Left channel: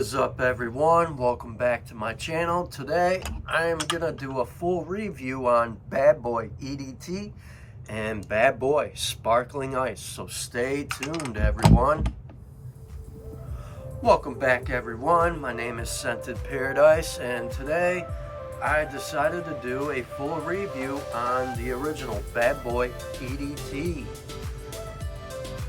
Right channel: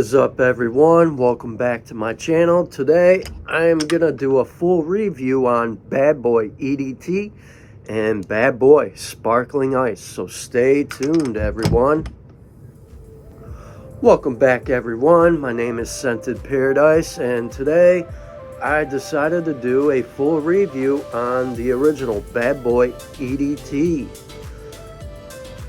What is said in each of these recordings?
is up, everyone? Welcome back to my channel. Today I'm gonna do a full review on Bad Boy EDT and Bad Boy Sparkling Ice, so stay tuned, everyone. Welcome back, everyone. My name is Scented Paradise, and today I decided to do a full review on the original Bad Boy EDT.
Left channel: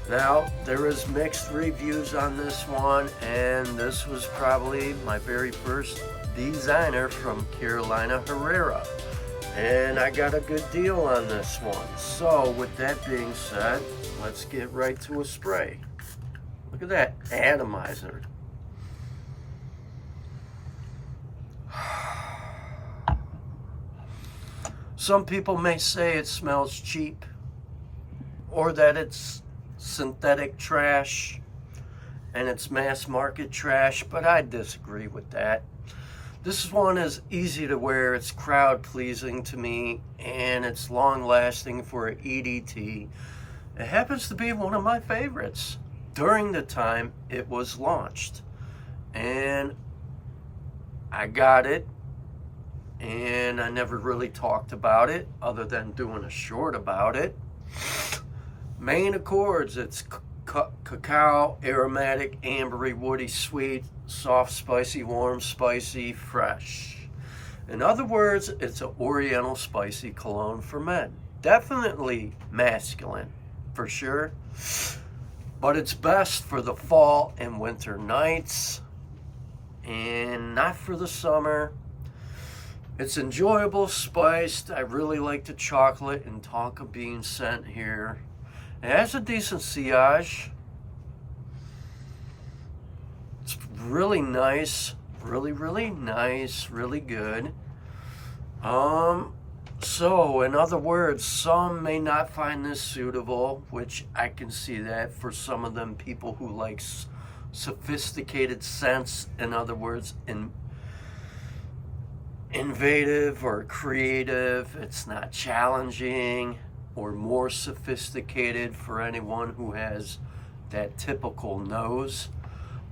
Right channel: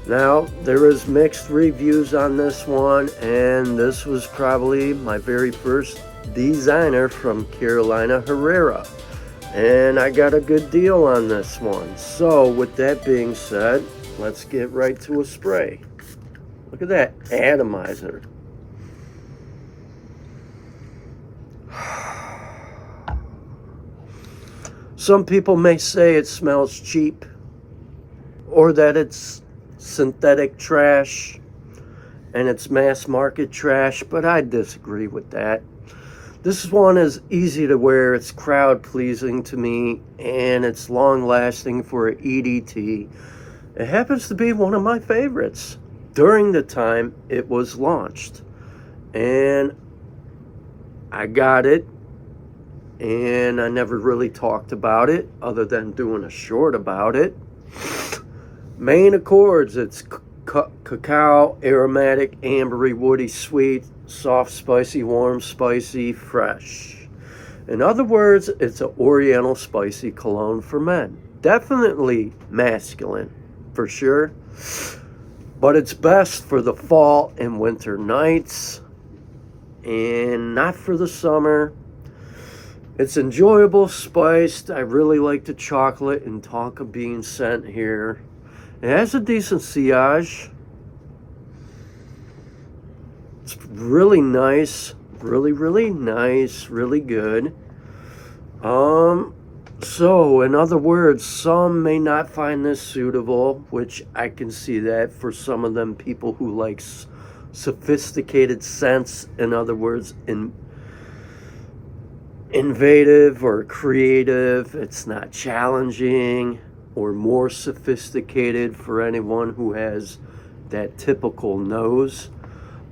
Now, there is mixed reviews on this one, and this was probably my very first designer from Carolina, Herrera, and I got a good deal on this one. So with that being said, let's get right to a spray. Look at that atomizer. Some people may say it smells cheap, or that it's synthetic trash and it's mass market trash, but I disagree with that. This one is easy to wear, it's crowd pleasing to me, and it's long lasting for an EDT. It happens to be one of my favorites during the time it was launched, and I got it, and I never really talked about it other than doing a short about it. Main accords, it's cacao, aromatic, ambery, woody, sweet, soft, spicy, warm, spicy, fresh. In other words, it's an oriental spicy cologne for men. Definitely masculine, for sure. But it's best for the fall and winter nights, and not for the summer. It's enjoyable, spiced. I really like the chocolate and tonka bean scent here. It has a decent sillage. It's really nice, really nice, really good. So in other words, some may not find this suitable, which I can see that for some of them people who like sophisticated scents. In other words, innovative or creative. It's not challenging or more sophisticated for anyone who has that typical nose,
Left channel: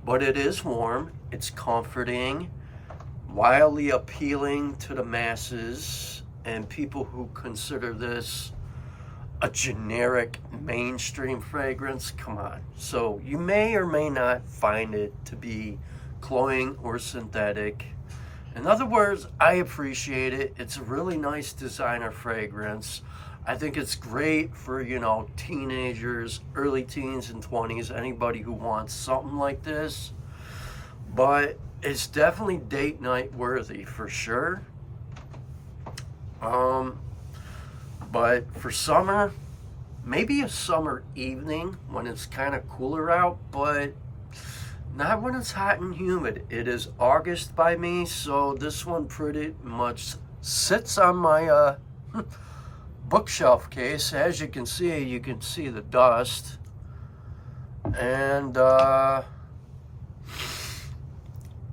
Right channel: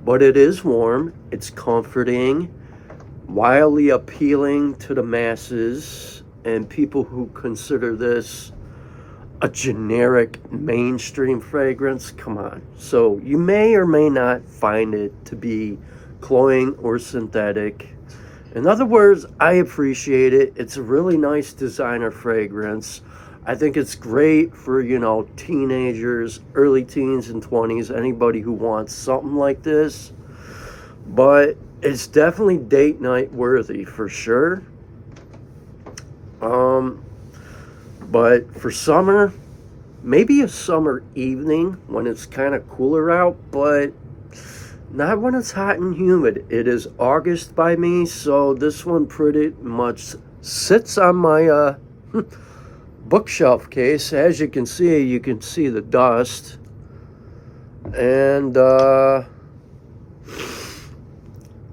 but it is warm, it's comforting, wildly appealing to the masses and people who consider this a generic mainstream fragrance. Come on. So you may or may not find it to be cloying or synthetic. In other words, I appreciate it. It's a really nice designer fragrance. I think it's great for, teenagers, early teens and 20s, anybody who wants something like this. But it's definitely date night worthy for sure. But for summer, maybe a summer evening when it's kind of cooler out, but not when it's hot and humid. It is August by me, so this one pretty much sits on my bookshelf case. As you can see the dust, and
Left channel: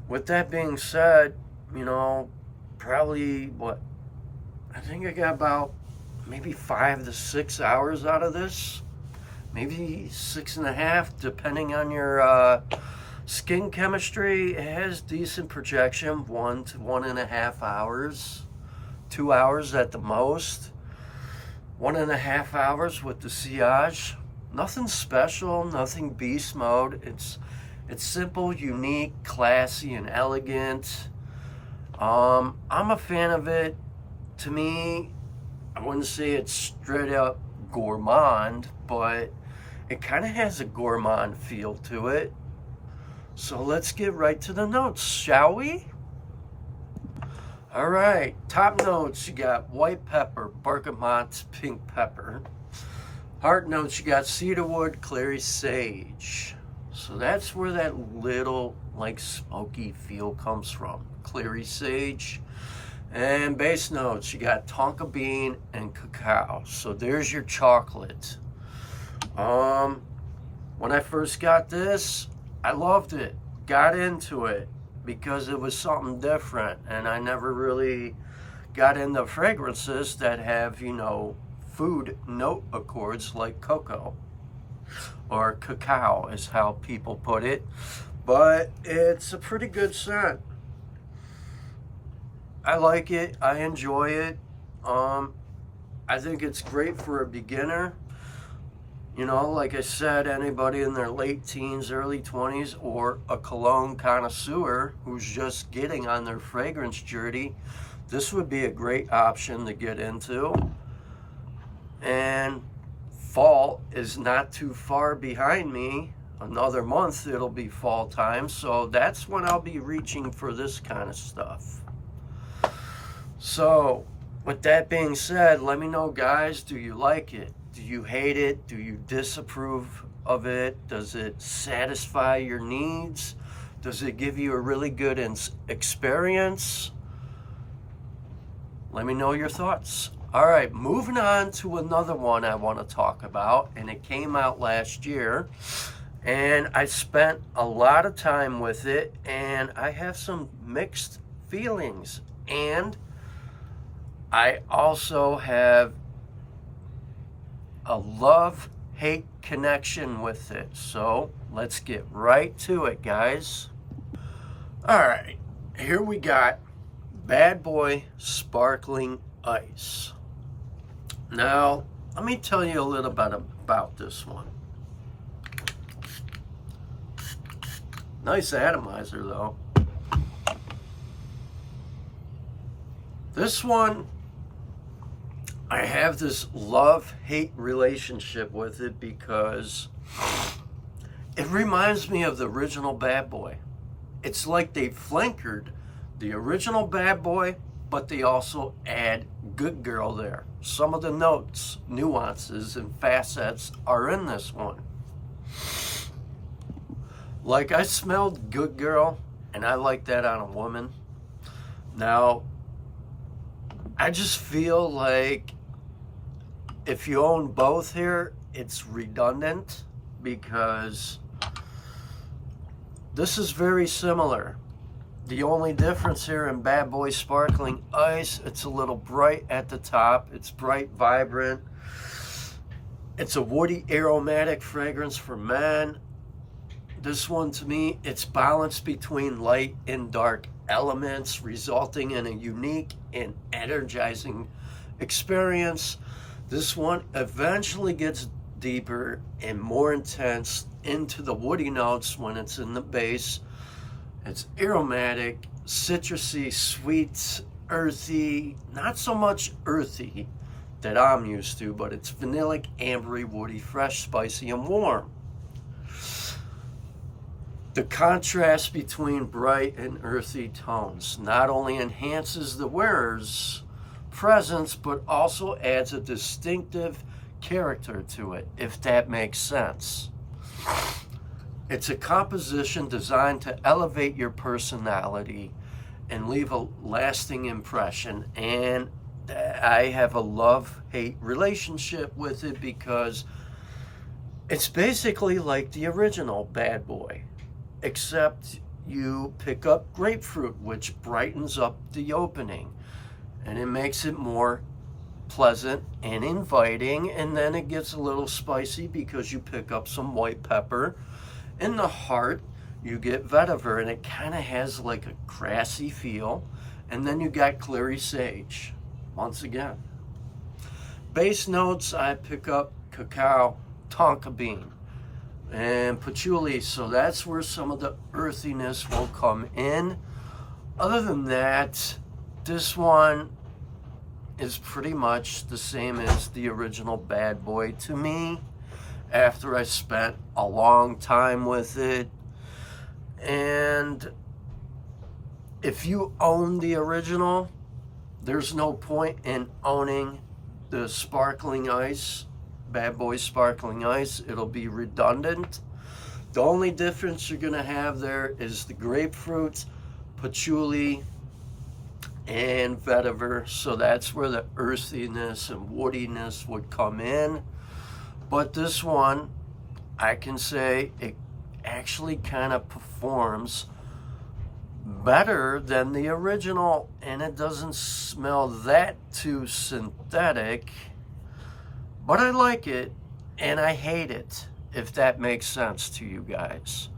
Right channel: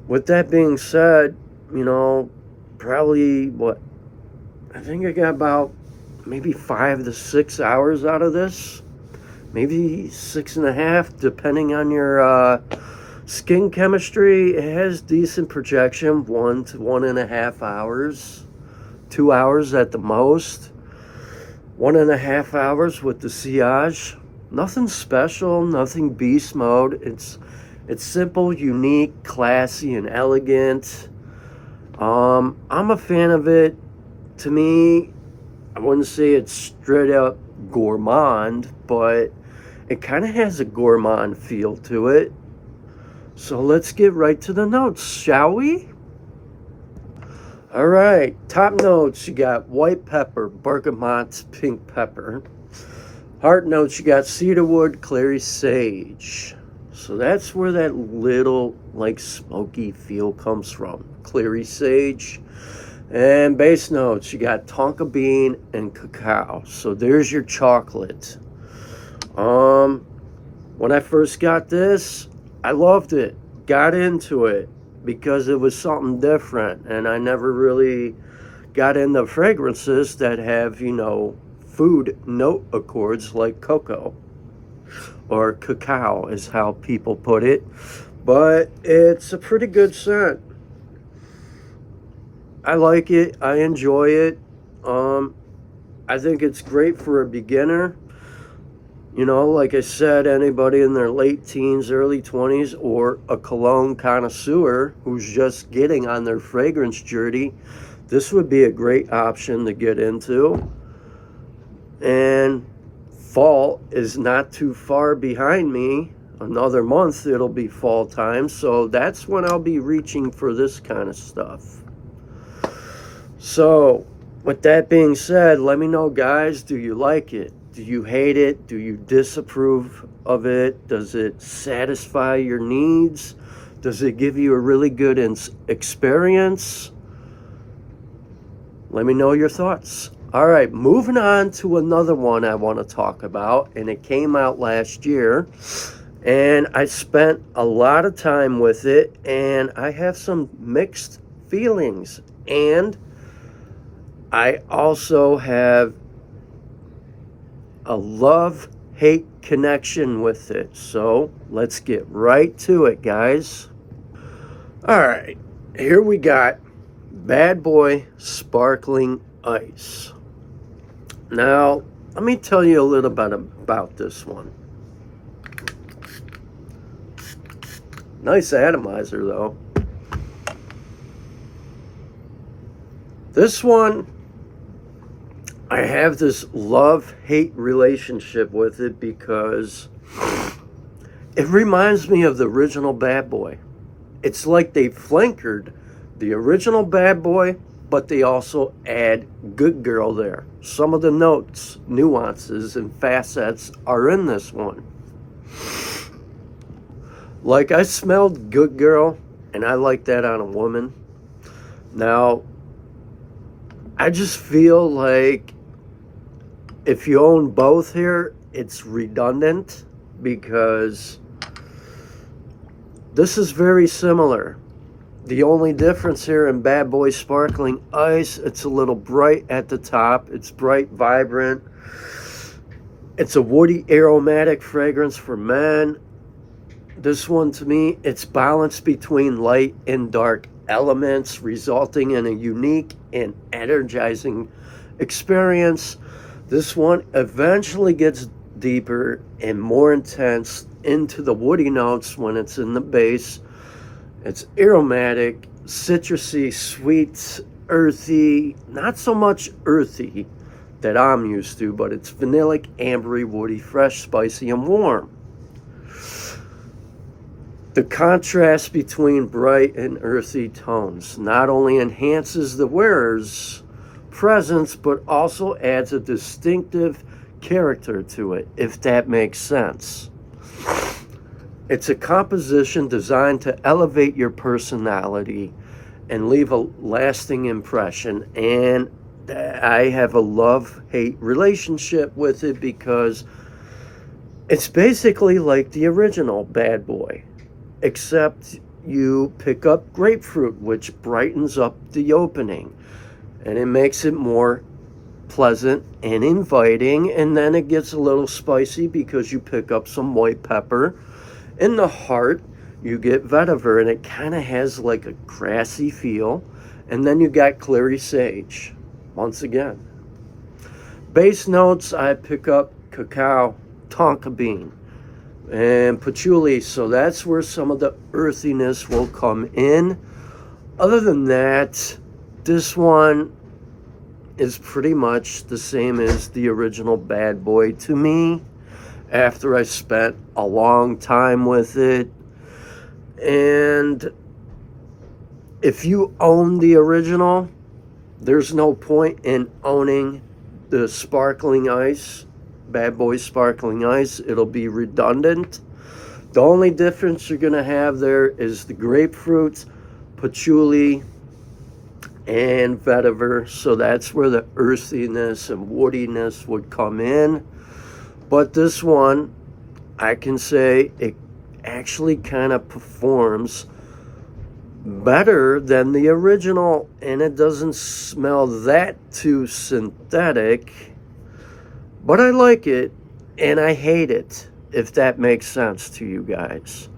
with that being said, probably I think I got about maybe 5 to 6 hours out of this, maybe 6.5 depending on your skin chemistry. It has decent projection, 1 to 1.5 hours, 2 hours at the most. 1.5 hours with the sillage. Nothing special, nothing beast mode. It's simple, unique, classy, and elegant. I'm a fan of it. To me, I wouldn't say it's straight up gourmand, but it kind of has a gourmand feel to it. So let's get right to the notes, shall we? All right, top notes, you got white pepper, bergamot, pink pepper. Heart notes, you got cedarwood, clary, sage. So that's where that little smoky feel comes from, clary, sage. And base notes, you got tonka bean and cacao. So there's your chocolate. When I first got this, I loved it, got into it, because it was something different, and I never really got into fragrances that have, food note accords like cocoa, or cacao is how people put it. but it's a pretty good scent. I like it. I enjoy it. I think it's great for a beginner. You know, like I said, anybody in their late teens, early 20s, or a cologne connoisseur who's just getting on their fragrance journey, this would be a great option to get into. And fall is not too far behind me. Another month it'll be fall time, so that's when I'll be reaching for this kind of stuff. So with that being said, let me know, guys, do you like it? Do you hate it? Do you disapprove of it? Does it satisfy your needs? Does it give you a really good experience? Let me know your thoughts. All right, moving on to another one I want to talk about, and it came out last year, and I spent a lot of time with it, and I have some mixed feelings, and I also have a love-hate connection with it. So let's get right to it, guys. All right, here we got Bad Boy Sparkling Ice. Now, let me tell you a little bit about this one. Nice atomizer, though. This one, I have this love-hate relationship with it because it reminds me of the original Bad Boy. It's like they flankered the original Bad Boy, but they also add Good Girl there. Some of the notes, nuances, and facets are in this one. Like, I smelled Good Girl, and I like that on a woman. Now, I just feel like if you own both here, it's redundant because this is very similar. The only difference here in Bad Boy Sparkling Ice, it's a little bright at the top. It's bright, vibrant. It's a woody, aromatic fragrance for men. This one, to me, it's balanced between light and dark elements, resulting in a unique and energizing experience. This one eventually gets deeper and more intense into the woody notes when it's in the base. It's aromatic, citrusy, sweet, earthy, not so much earthy that I'm used to, but it's vanillic, ambery, woody, fresh, spicy, and warm. The contrast between bright and earthy tones not only enhances the wearer's presence, but also adds a distinctive character to it, if that makes sense. It's a composition designed to elevate your personality and leave a lasting impression. And I have a love-hate relationship with it because it's basically like the original Bad Boy, except you pick up grapefruit, which brightens up the opening, and it makes it more pleasant and inviting. And then it gets a little spicy because you pick up some white pepper. In the heart, you get vetiver, and it kind of has like a grassy feel. And then you got Clary sage, once again. Base notes, I pick up cacao, tonka bean, and patchouli, so that's where some of the earthiness will come in. Other than that, this one is pretty much the same as the original Bad Boy to me, after I spent a long time with it. And if you own the original, there's no point in owning the Sparkling Ice, Bad Boy Sparkling Ice. It'll be redundant. The only difference you're gonna have there is the grapefruit, patchouli, and vetiver. So that's where the earthiness and woodiness would come in. But this one, I can say it actually kind of performs better than the original, and it doesn't smell that too synthetic. But I like it, and I hate it, if that makes sense to you guys.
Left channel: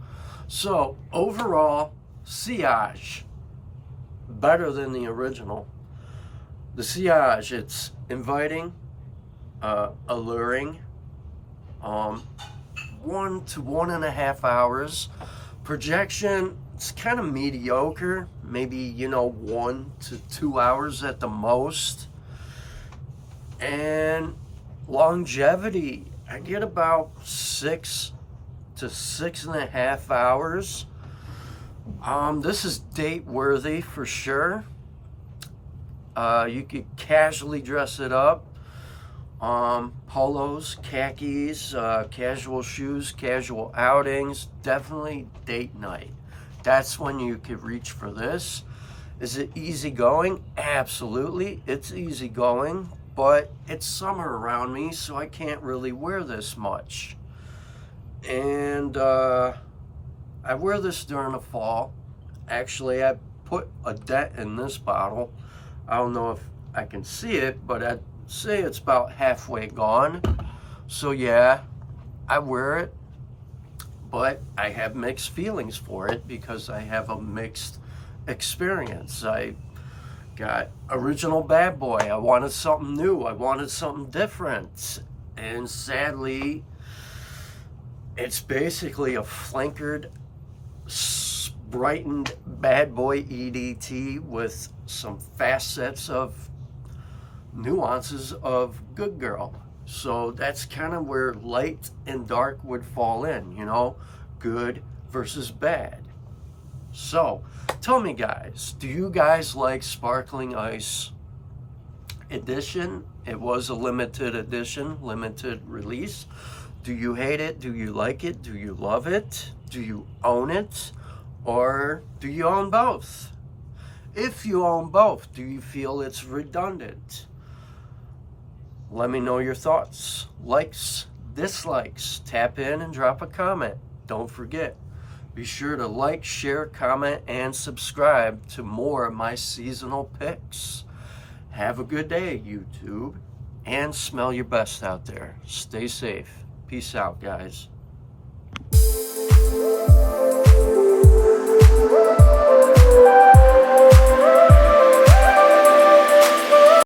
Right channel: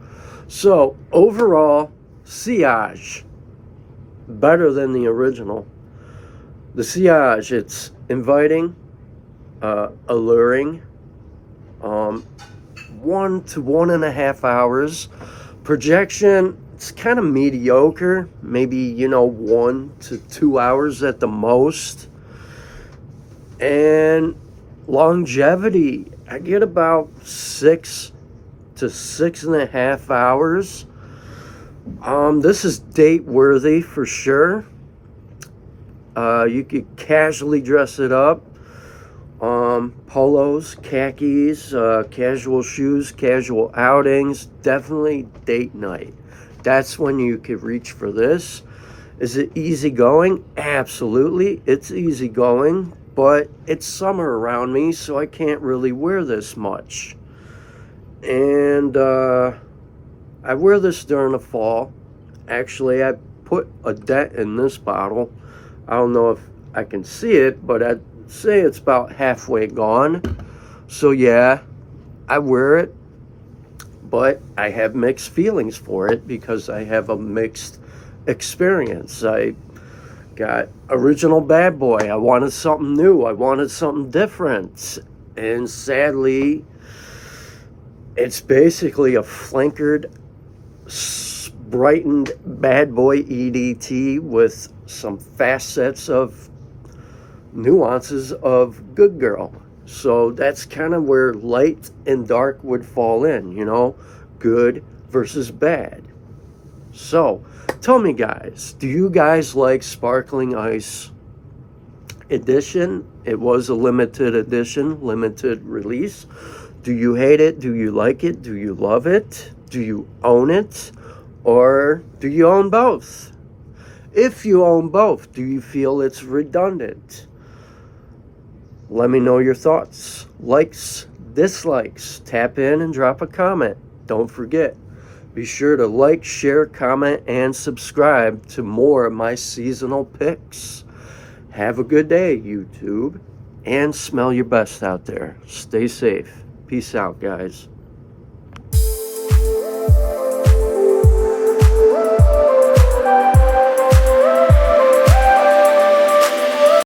So overall, Sillage, better than the original. The Sillage, it's inviting, alluring, 1 to 1.5 hours. Projection, it's kind of mediocre, maybe 1 to 2 hours at the most. And longevity, I get about 6 to 6.5 hours. This is date worthy for sure. You could casually dress it up. Polos, khakis, casual shoes, casual outings, definitely date night. That's when you could reach for this. Is it easygoing? Absolutely, it's easygoing, but it's summer around me, so I can't really wear this much. And I wear this during the fall. Actually, I put a dent in this bottle. I don't know if I can see it, but I'd say it's about halfway gone. So yeah, I wear it, but I have mixed feelings for it because I have a mixed experience. I got original bad boy. I wanted something new. I wanted something different. And sadly, it's basically a flankered, brightened bad boy EDT with some facets of nuances of good girl. So that's kind of where light and dark would fall in, good versus bad. So tell me, guys, do you guys like Sparkling Ice Edition? It was a limited edition, limited release. Do you hate it? Do you like it? Do you love it? Do you own it? Or do you own both? If you own both, do you feel it's redundant? Let me know your thoughts, likes, dislikes. Tap in and drop a comment. Don't forget, be sure to like, share, comment, and subscribe to more of my seasonal picks. Have a good day, YouTube, and smell your best out there. Stay safe. Peace out, guys.